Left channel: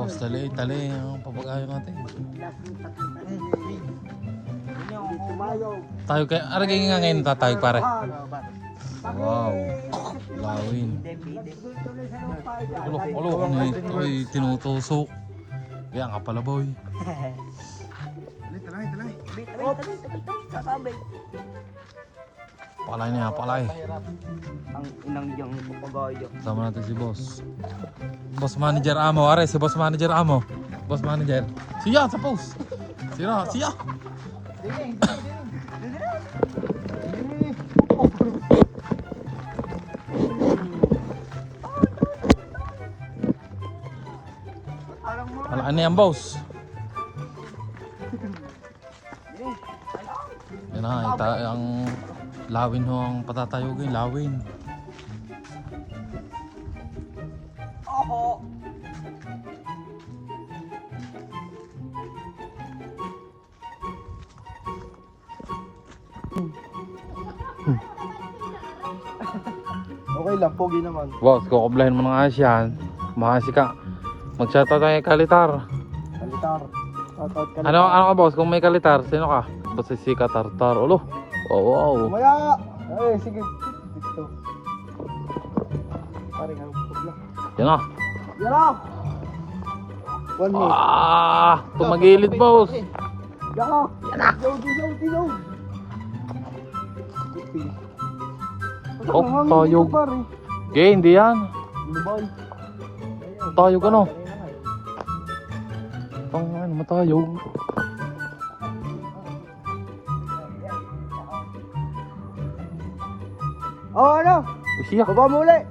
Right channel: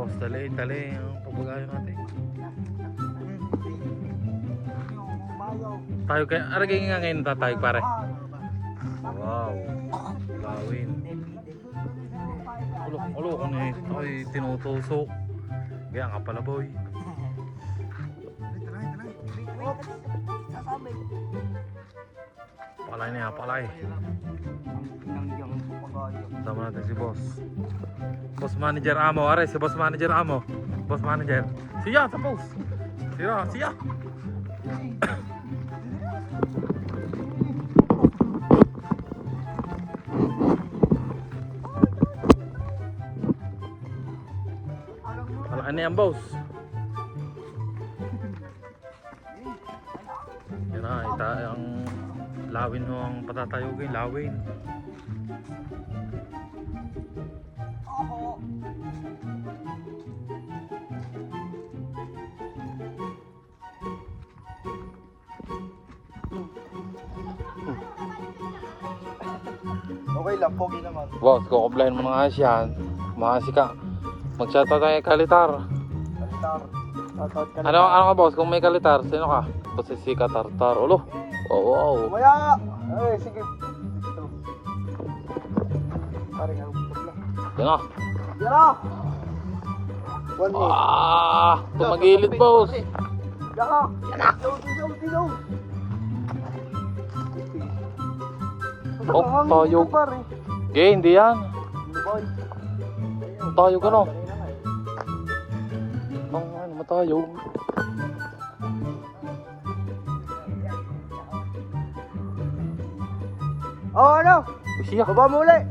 boss, tali ang papagayo natin. Tayo kaya, ano kaya nga ngayon tayo pare? Wow, lawin. Kulok, ito ay tinutusok. Yan ka pala boy. Talay. Sasabay. Palay niya, palay. Ang inang yang papagayo. Sama natin si boss. Boss manager Amo, are si boss manager Amo. Boss manager. Siya sa post. Siya. Ano yan boss? Yan na, ang lawin ho ang patatayogin, lawin. Oho. Okay lang, pogi naman. Boss, kukublahin mo ng asyan. Mahasi ka. Mag-shoutout tayo kay Kalitar. Kalitar. Ano ka boss? Kung may Kalitar, sino ka? Boss si Katartar. Ulo. Oh, wow. Maya! Ay, sige. Dito. Yan na. Yara! One more. Tumagilid boss. Yara! Dilaw! Oh, tayog. Okay, hindi yan. Tayog ano? Matayog. Oh, ano? Siya. Baba mo ulit.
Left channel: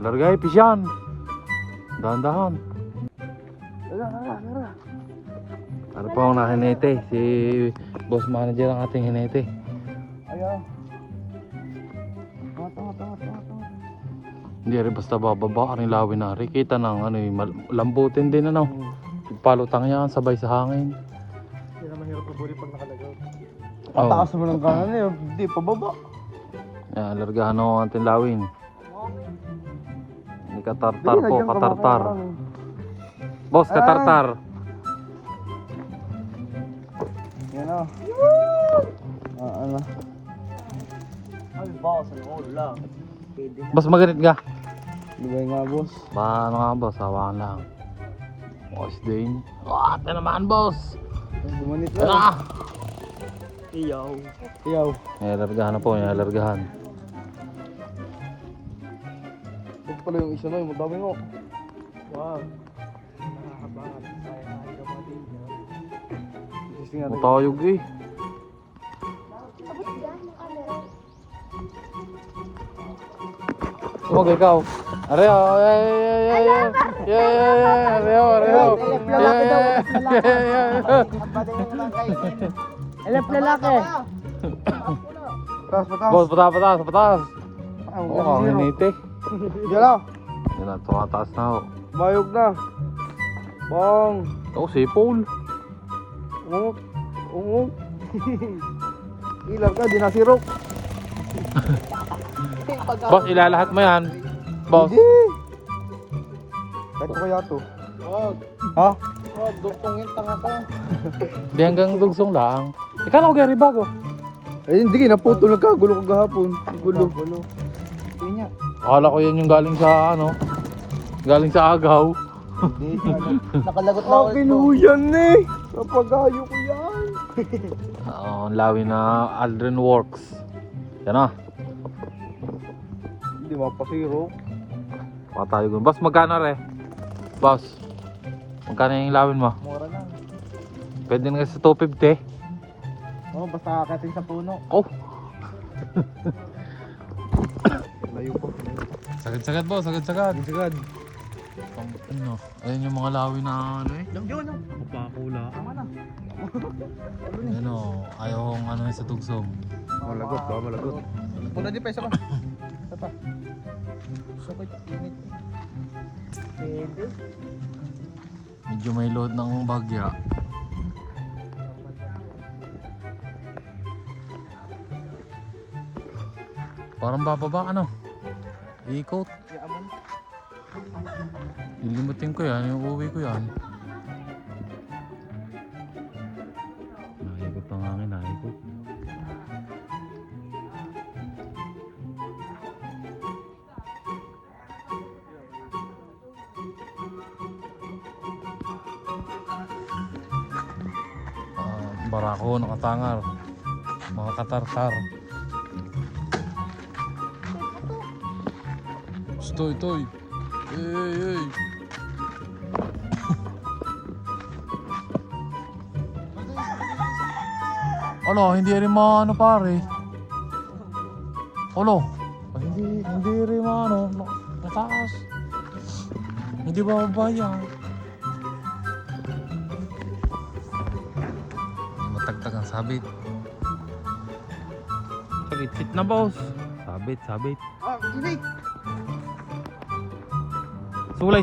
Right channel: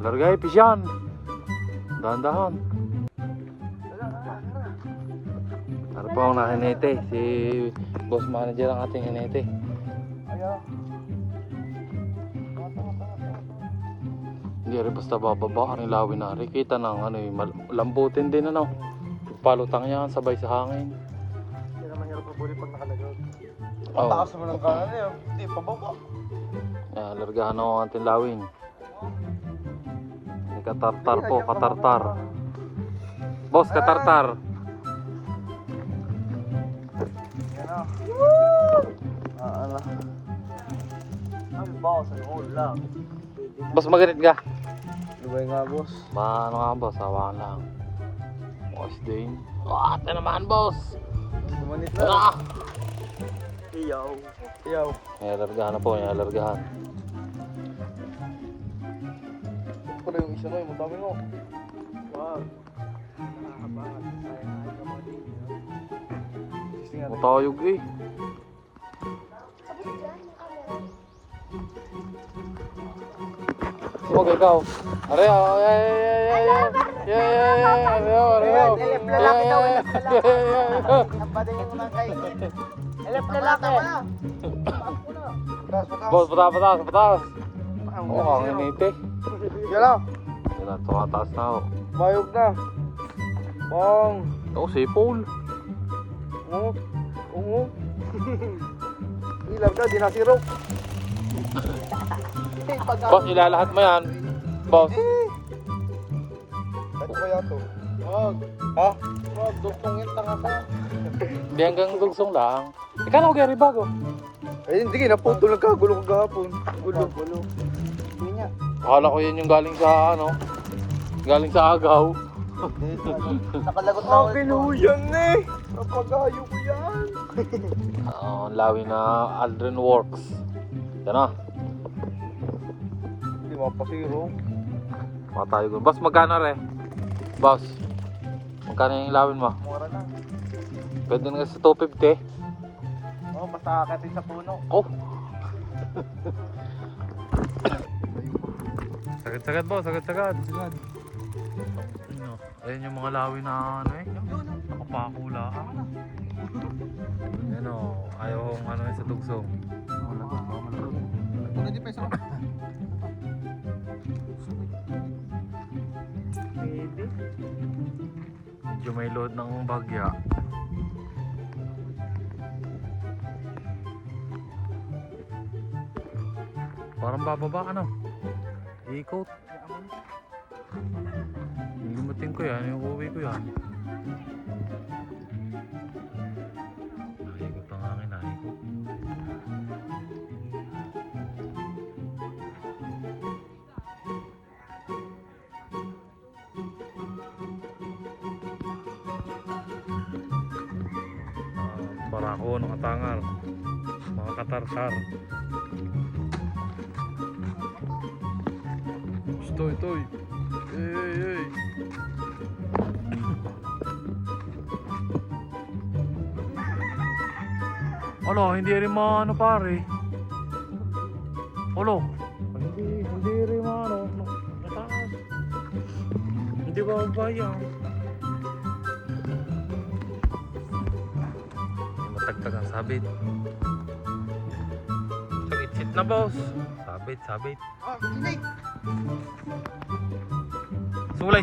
Largay, pisyan. Dahan-dahan. Ano pa ang nahinete? Si boss manager ang ating hinete. Ayaw. Hindi rin basta bababa ang lawin na rin. Kita ng ano, lambutin din ano. Palutang yan, sabay sa hangin. Pataas mo ng kanan eh. Hindi, pababa. Yan, largahan ako ang ating lawin. Hindi katartar Hindi, po, nagyan ka katartar. makakaralan. Boss, katartar. Yan o. Ano? Ay, boss. Wala. Boss, maganit nga. Lubay nga, boss. Ano nga boss, hawakan lang. Boss din. Ate naman boss. Umanit na. Iyaw. Nilalargahan na po, nilalargahan. Ano yung isa na yung madami mo? Wow. Matayog eh. Huwag ikaw. Aleo, Lalaki daw, Alap lalaki. Taas. Boss, pataas. Ah, huwag Mukhang na zero. hinite. Yan na. Yan na, tumataas na ako. Mayog na. Bang. Oh, si Paul. Ilan ka, di na zero. Boss, ilalahat mo yan. Boss. Hindi. Kahit ko kaya to. Ha? Di hanggang dugsong lang. Ikaw na mag-riba ko. Eh, hindi, naputo. Nagkagulo ko kahapon. Gulo. Akala ko yan yung galing sa ano. Galing sa agaw. Nakalagot na ako. Nakiluyan eh. Napagayo ko yan. Ang lawi na Aldrin Works. Yan na. Hindi mapasiro. Matayo ko. Boss, magkano re? Boss, magkano yung lawin mo? Mura na. Pwede na kasi 250. Oh, basta akatin sa puno. Oh, Layo pa. sagad po, sagad. Sagad. Ano? Ayan yung mga lawin na ano eh. Yun, oh. Nakapakula. Tama na. Ano, ayaw kong ano sa dugsong. Malagot ba? Malagot. Puno din pa isa pa. Ito pa. Sabay. Init. Medyo may load ng bagya. Parang bababa ano? Ikot. Yaman. Lilimutin ko yan, yung uwi ko yan. Naikot ang hangin, naikot. Barako, nakatangal. Mga katartar. Stoy, toy. Ey. Olo, hindi rin ano pare. Olo. Hindi rin ano. Mataas. Hindi ba mabayang? Matagtag ang sabit. Fit na boss. Sabit. Ah, inig! Sulay.